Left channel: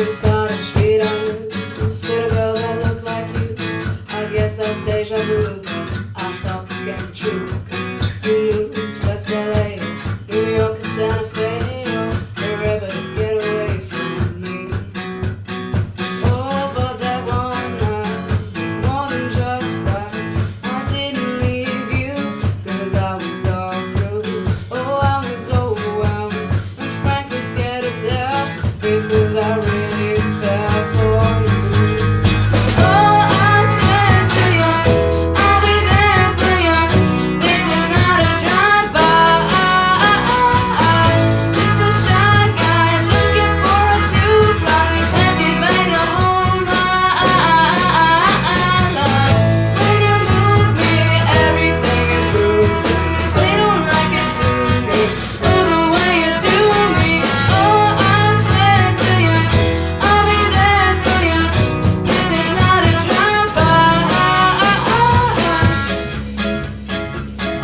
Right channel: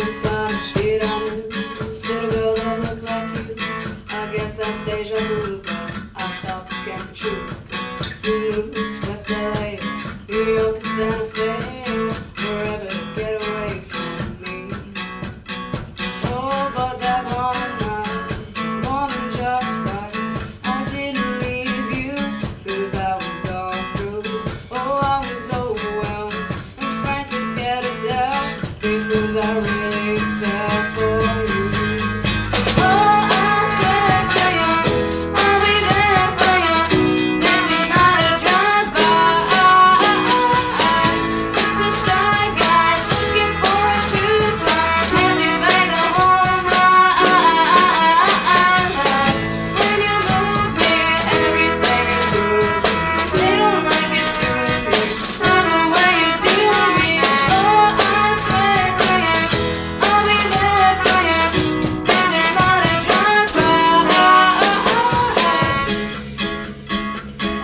inside the street I knew, stood a girl that looked like you. I guess that's deja vu, but I thought this can't be true. 'Cause you moved to West LA, New York or Santa Fe, or wherever to get away from me. Oh, but that one night was more than just right. I didn't leave you, 'cause I was all through. Oh, I was overwhelmed and frankly scared as hell, because I really fell for you. Oh, I swear to you, I'll be there for you. This is not a drive-by, just a shy guy looking for a two-fly, empty bag to hold my life. When you move me, everything is rude. They don't like it to me, or the way you do me. Oh, I swear to you, I'll be there for you. This is not a drive-by.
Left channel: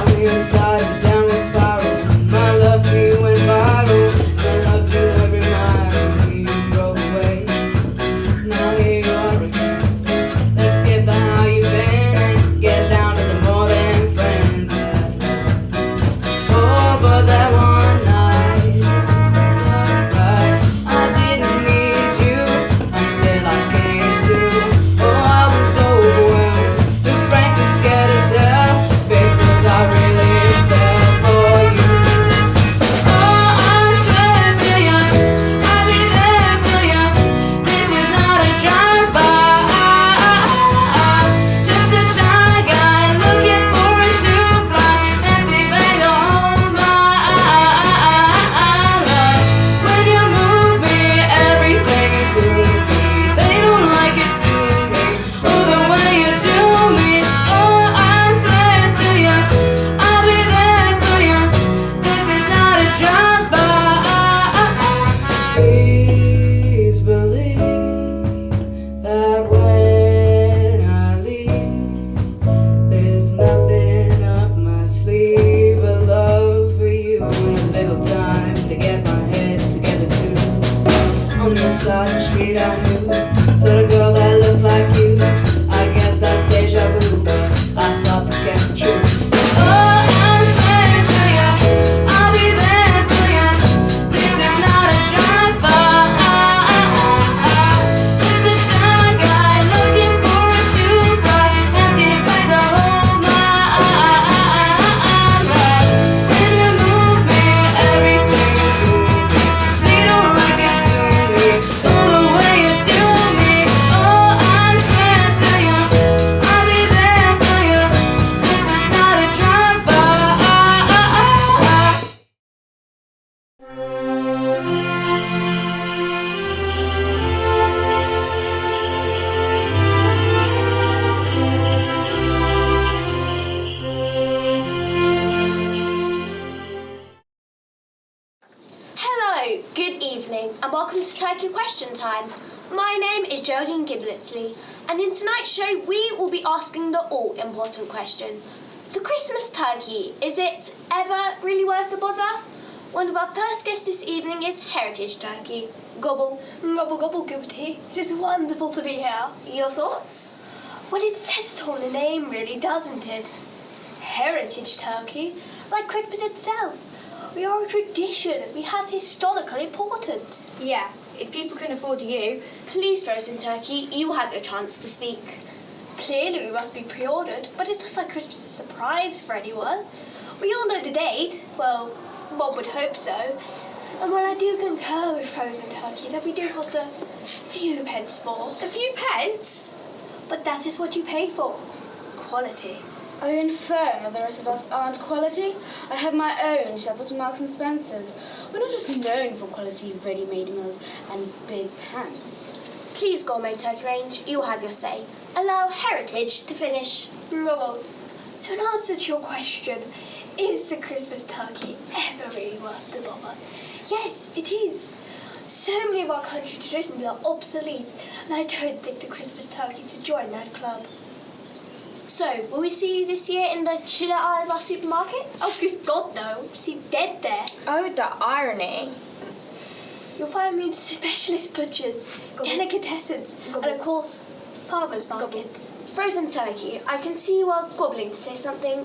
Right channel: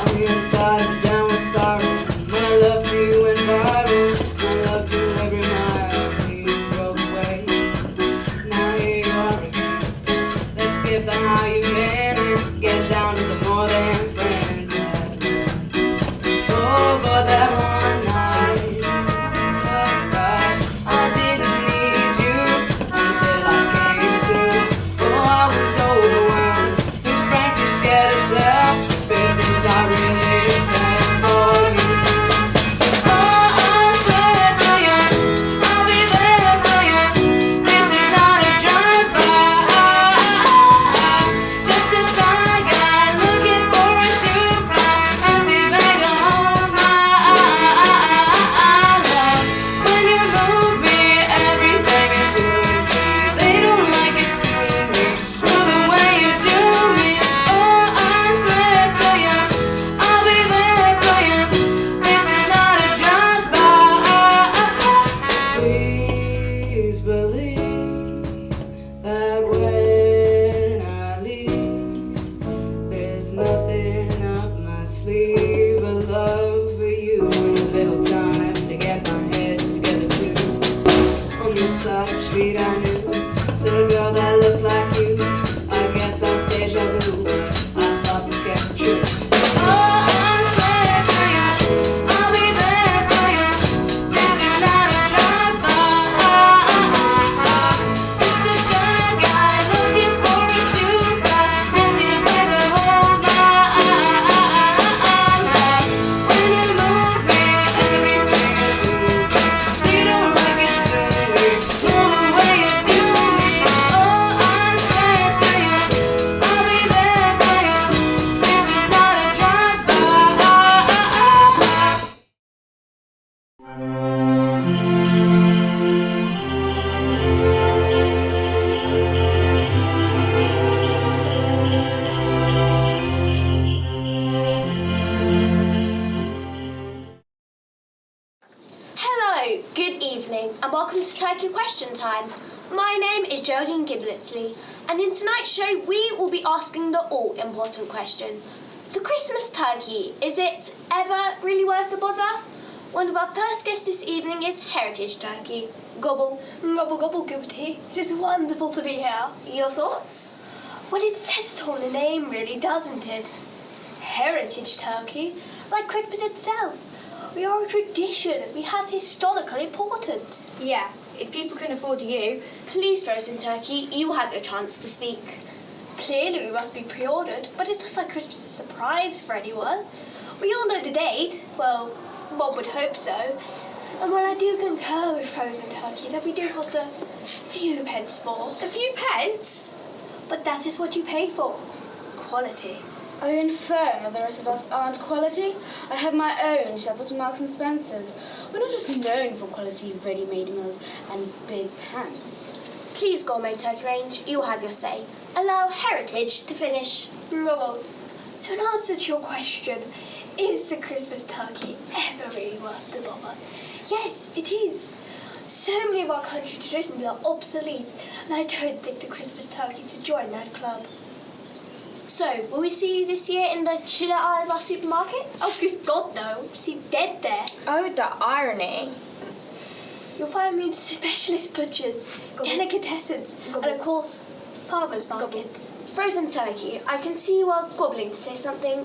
On the inside of a downward spiral, my love for you went viral. My love drew every mile you drove away. Now here you are again. So let's skip the how you've been and get down to the more than friends. Oh, but that one night was right. I didn't need you until I came to. Oh, I was overwhelmed and frankly scared as hell, because I really fell for you. Oh, I swear to you, I'll be there for you. This is not a drive-by, just a shy guy looking for a two-fly, empty bag to hold my life. When you move me, everything is groovy. They don't like it to me, or the way you do me. Oh, I swear to you, I'll be there for you. This is not a drive-by. Please believe that when I leave, there's nothing up my sleeve but love for you, and a little time to get my head together too. On the other side of the street I knew, stood a girl that looked like you. I guess that's deja vu, but I thought this can't be true. Oh, I swear to you, I'll be there for you. This is not a drive-by, just a shy guy looking for a two-fly, empty bag to hold my life. When you move me, everything is groovy. They don't like it to me, or the way you do me. Oh, I swear to you, I'll be there for you. This is not a drive-by. Hello, good evening, and welcome to Turkey Question Time. My name is Geraldine Giblitsley, and in tonight's show we will be asking the all-important question. The Christmas turkey, is it ever really worth the bother? One of our first guests this evening is Heritage Turkey. Gobble. Gobble gobble Gilberty, it is wonderful to be here. Your thoughts? Well, it says it all in the name, really, doesn't it? Heritage turkey, like Christmas itself. We are a tradition. We have historical importance. Yeah, if people can afford you, please frozen turkey, you have your chance to speak. Clearly, we must be pre-ordered, but it's just like Christmas a surprise for anyone. We all know the date. Well, one would hope so. And while I do concur with frozen turkey, that we do cost a few pence more. A few pence? But that is what you pay for. Quality. Are you inferring that the rest of us aren't quality? I have my own shuffle to Marks and Spencer's. We're not just known for quality ready-made meals and big pants. Please, Gourmet Turkey Range, you have your say. Allow Heritage to finish. Bravo. So in answer to your question, is the Christmas turkey ever really worth the bother? Yes, it is. So many of our country traditions are obsolete, and I don't think the Christmas turkey to join that club. So, will we see you this year in the chiller aisle of our supermarkets? Oh, good God, no. You seem dead there. Oh, the irony. you'll find me in specialist butchers, delicatessens, and of course, farmers markets. Frozen turkey, I can see you are gobbling to say something.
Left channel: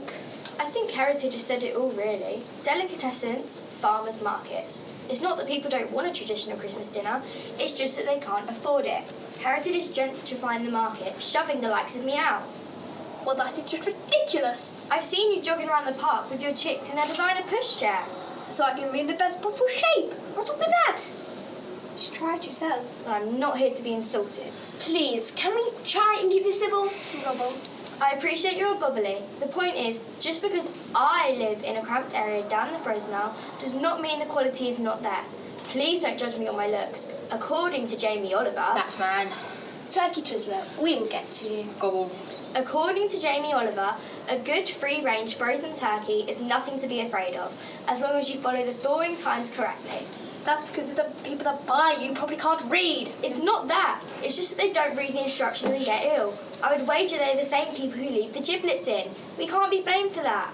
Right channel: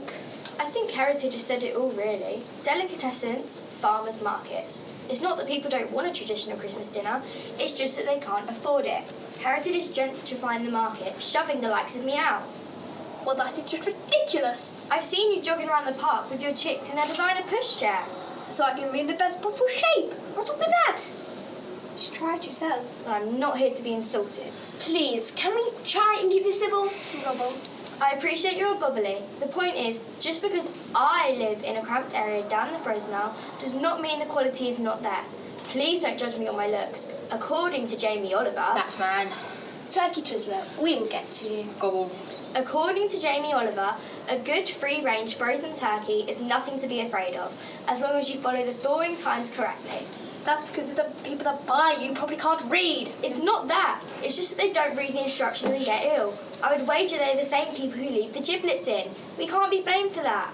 I think Heritage has said it all, really. Delicatessens, farmers markets. It's not that people don't want a traditional Christmas dinner, it's just that they can't afford it. Heritage is gentrifying the market, shoving the likes of me out. Well, that is just ridiculous. I've seen you jogging around the park with your chicks in their designer pushchair. So I can be in the best possible shape. What's up with that? Just try it yourself. I'm not here to be insulted. Please, can we try and keep this civil? Gobble. I appreciate your gobbly. The point is, just because I live in a cramped area down the frozen aisle does not mean the quality is not there. Please don't judge me on my looks. According to Jamie Oliver... That's man. Turkey Twizzler, we will get to you. Gobble. According to Jamie Oliver, a good free-range frozen turkey is nothing to be afraid of, as long as you follow the thawing times correctly. That's because the people that buy you probably can't read. It's not that. It's just that they don't read the instructions and get ill. I would wager they're the same people who leave the giblets in. We can't be blamed for that.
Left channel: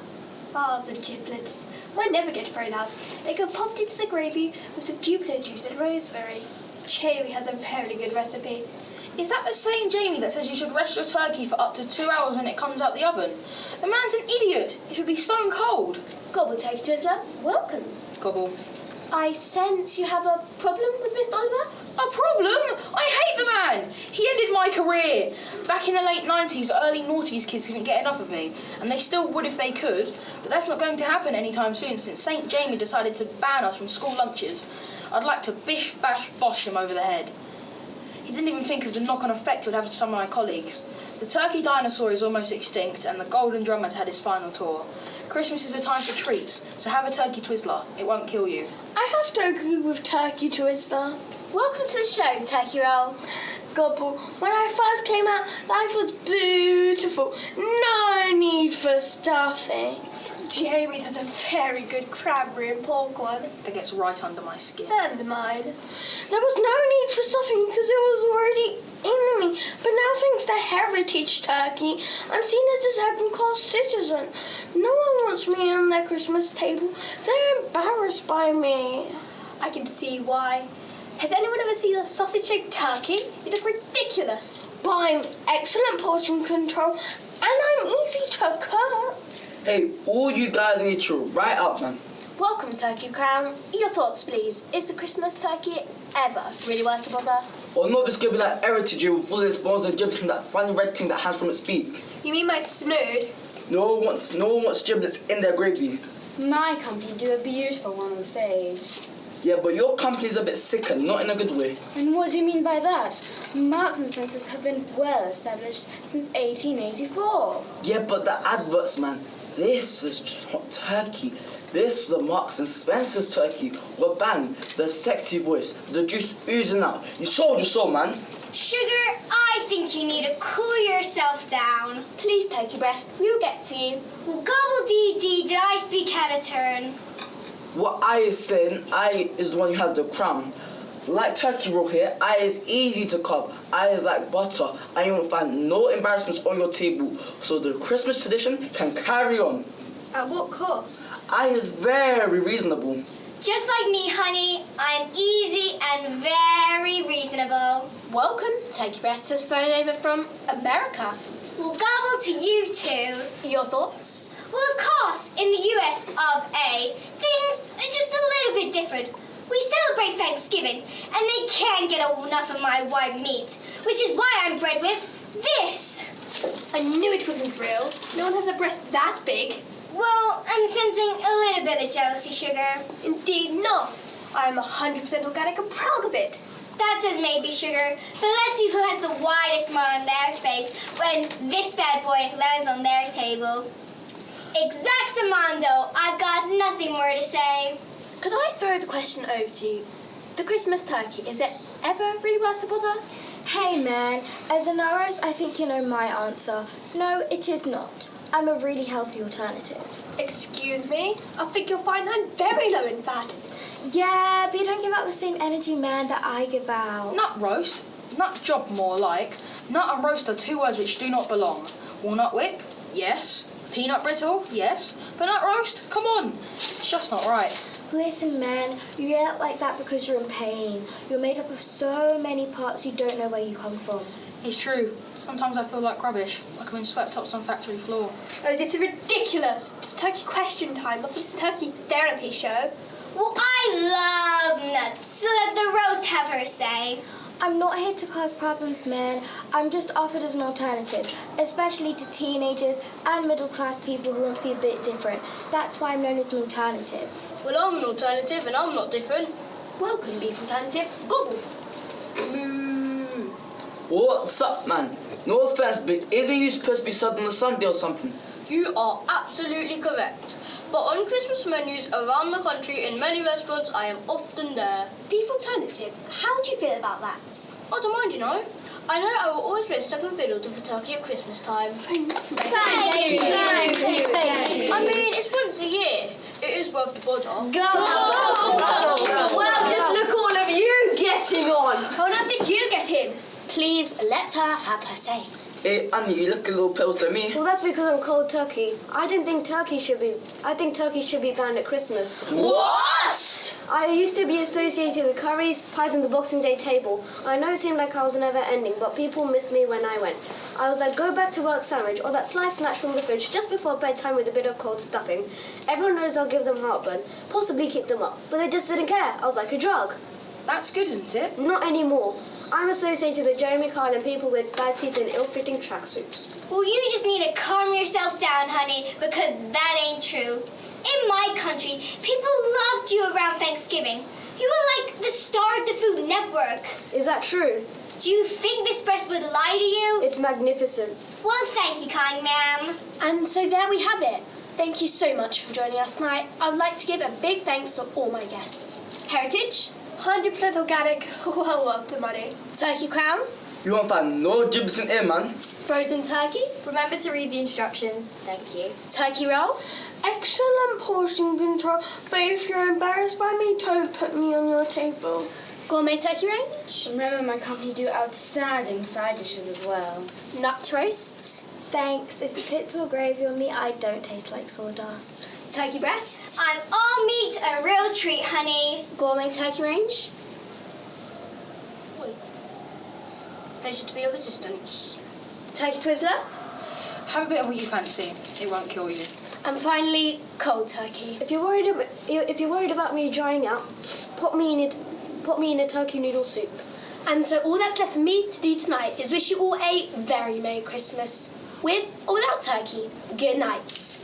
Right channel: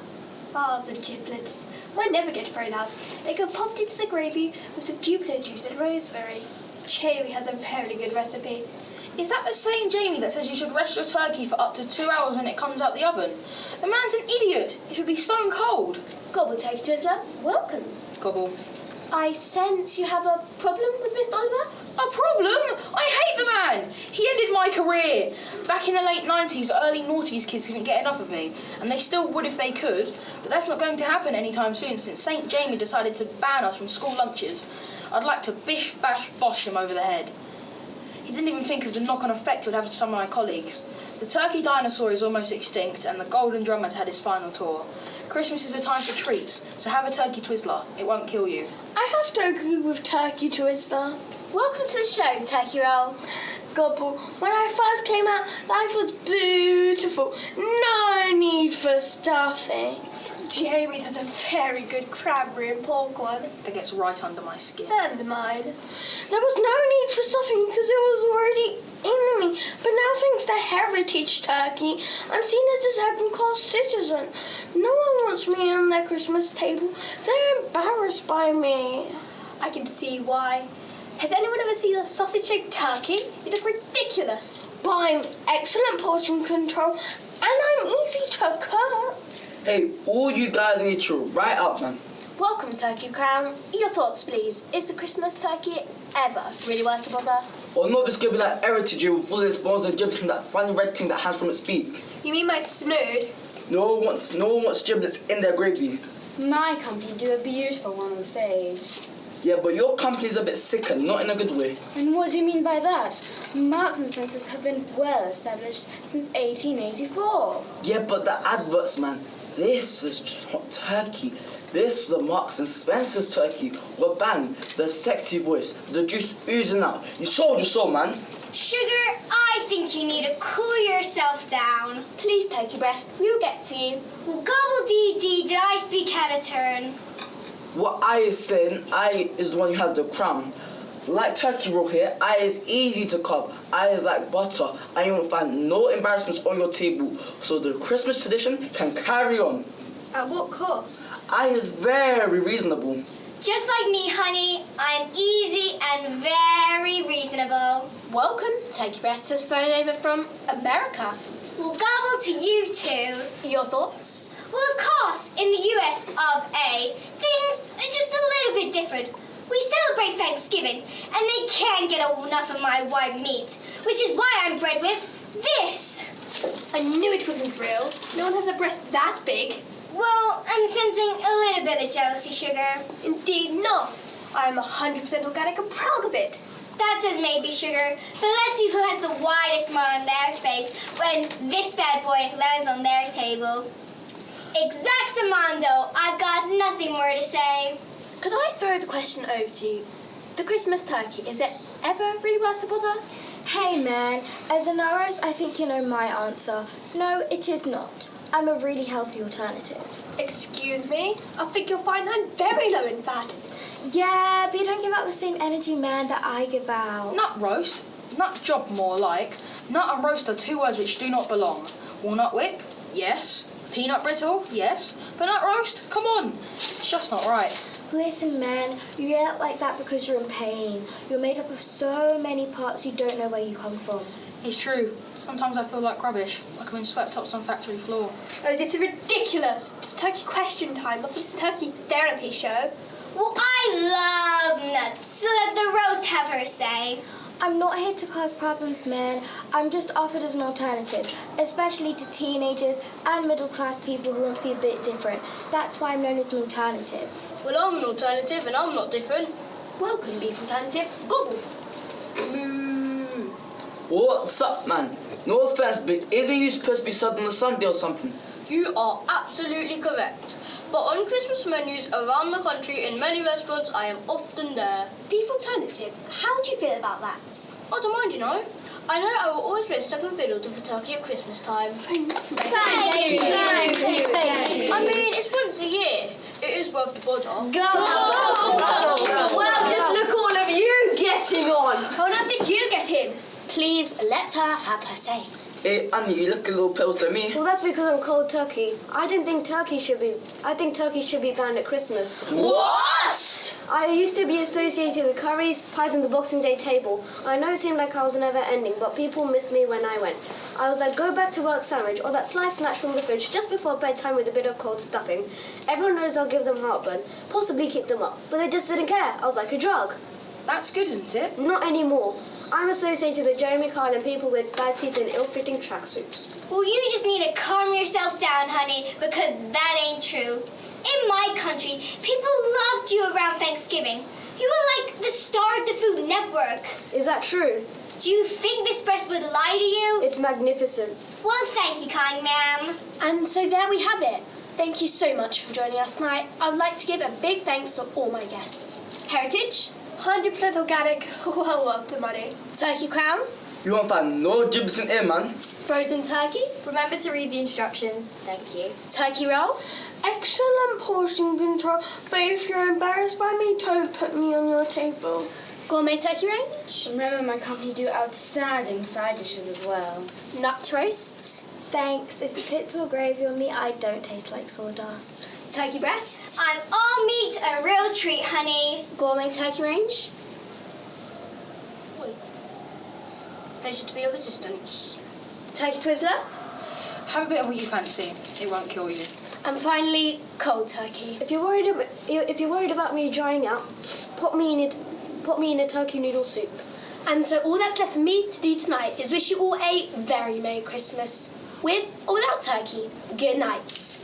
Ah, the giblets. Mine never get thrown out. They go popped into the gravy with some duplicate juice and rosemary. Jamie has a very good recipe. Is that the same Jamie that says you should rest your turkey for up to 2 hours when it comes out the oven? The man's an idiot. It should be stone cold. Gobble, Turkey Twizzler, welcome. Gobble. I sense you have a problem with Mr. Oliver? A problem? I hate the man. He ended my career. Back in the late 90s, early noughties kids couldn't get enough of me, and they still would if they could, but that's not going to happen anytime soon since St. Jamie decided to ban us from school lunches. I'd like to bish, bash, bosh him over the head. He didn't even think of the knock-on effect it would have to some of my colleagues. The turkey dinosaur is almost extinct, and the golden drum has had his final tour. Christmas is a time for treats, so have a turkey Twizzler. It won't kill you. I have to agree with Turkey Twizzler. Welcome to the show, Turkey Roll. Gobble. When I first came out, life was beautiful. No need for stuffing. Jamie does a very good cranberry and pork one. That gets right under my skin. And mine. There was no need for stuffing because it was already in me. But now, thanks to Heritage Turkey, I'm seen as a second-class citizen. No one wants me on their Christmas table. They're embarrassed by me. I can see why. Has anyone ever seen a sausage-shaped turkey? You look ridiculous. But I'm excellent portion control, and I'm easy to cook. Hey, all you guys need to write up, man. Welcome, Turkey Crown. Your thoughts, please. Is the Christmas turkey ever really worth the bother? Or not just giving that heritage with all its bones and giblets from that funny red thing that hangs from its beak. You mean my snood? No one wants giblets in their gravy. My company do a beautiful one on sage. Yeah, but your company's a bit sicker, not in a good way. And what do you mean by that? Marks and Spencers have been well established since 1884. Yeah, but the adverts, man. This is not turkey. This is the Marks and Spencer's turkey. Well, bang, the sexy voice, the juice oozing out. You sold your soul, man. Sugar, I think you need to cool yourself down. Please, Turkey Breast, we will get to you. Well, gobble-dee-dee, did I speak out of turn? What I is saying, I is the one who has the crown. Like turkey roll here, I is easy to cup. I is like butter. I won't find no embarrassments on your table, so the Christmas tradition can carry on. At what cost? I is very reasonable. Just like me, honey, I'm easy and very reasonable. Welcome, Turkey Breast has flown over from America. Well, gobble to you two. Your thoughts? Well, of course, in the US of A, things are just a little bit different. We celebrate Thanksgiving, and they can't get enough of my white meat, which is why I'm bred with this. I knew it wasn't real. No one has a breast that big. Well, I'm sensing a little bit of jealousy, Sugar. Indeed not. I am 100% organic and proud of it. That says maybe, Sugar, but let's see who has the widest smile on their face when this bad boy lands on their table. Exactamundo, I've got nothing more to say. Could I throw the question over to you? The Christmas turkey, is it ever really worth the bother? Hey man, as an Aros, I think you know my answer. No, it is not. I'm a really healthy alternative. Excuse me? I think you'll find I'm very low in fat. Yeah, but you don't give out the same energy, man, that I give out. Nut roast, nut job more like. Nut and roast are two words which do not belong. Walnut whip, yes. Peanut brittle, yes. But nut roast, come on. It's just not right. Listen, man, you react like that because you're in pain. You're made up of so many parts you don't know where you come from. It's true. Sometimes I feel like rubbish, like I've been swept up some factory floor. Oh, this is ridiculous. It's turkey question time, not a turkey therapy show. Well, I love nuts, so let the roast have her say. I'm not here to cause problems, man. I'm just offered as an alternative, especially to teenagers and middle-class people who want to be a bit different. That's why I'm known as an alternative. Well, I'm an alternative and I'm not different. Welcome, beef alternative. Gobble. What's up, man? No offense, but isn't you supposed to be served on a Sunday or something? You are absolutely correct. But on Christmas menus around the country in many restaurants, I am often there. Beef alternative, how do you feel about that? I don't mind, you know. I know I will always play second fiddle to the turkey at Christmas time. Thank you. I mean, it's once a year. It is worth the bother. Go. Well, just look all of you getting on. How now did you get in? Please let her have her say. Hey, Annie, you look a little pale to me. Well, that's because I'm cold turkey. I think turkey should be banned at Christmas. What? I used to be associated with curries, pies, and the Boxing Day table. I know it seemed like I was never ending, but people missed me when I went. I was like, go back to work sandwich or that sliced snatch from the fridge just before bedtime with a bit of cold stuffing. Everyone knows I'll give them heartburn, possibly keep them up, but they just didn't care. I was like a drug. That's good, isn't it? Not anymore. I'm associated with Jeremy Kyle and people with bad teeth and ill-fitting tracksuits. Well, you just need to calm yourself down, honey, because that ain't true. In my country, people loved you around Thanksgiving. You were like the star of the Food Network. Is that true? Do you think this breast would lie to you? It's magnificent. Well, thank you, kind ma'am. And so there we have it. Thank you so much for joining us tonight. I would like to give a big thanks to all my guests. Heritage, 100% organic, well worth the money. Turkey crown, You won't find no giblets in here, man. frozen turkey, Remember to read the instructions. Thank you. turkey roll, Excellent portion control, but if you're embarrassed by me, don't put me on your table. gourmet turkey range, Remember, my company do outstanding side dishes as well. nut roasts, Thanks. If you put some gravy on me, I don't taste like sawdust. turkey breasts, I'm all meat, a real treat, honey. gourmet turkey range, Pleasure to be of assistance. turkey twizzler, Have a bit of what you fancy. It won't kill you. and finally cold turkey. If you're worried about me drying out, put me in a turkey noodle soup. And so all that's left for me to do tonight is wish you all a very Merry Christmas, with or without turkey. Good night.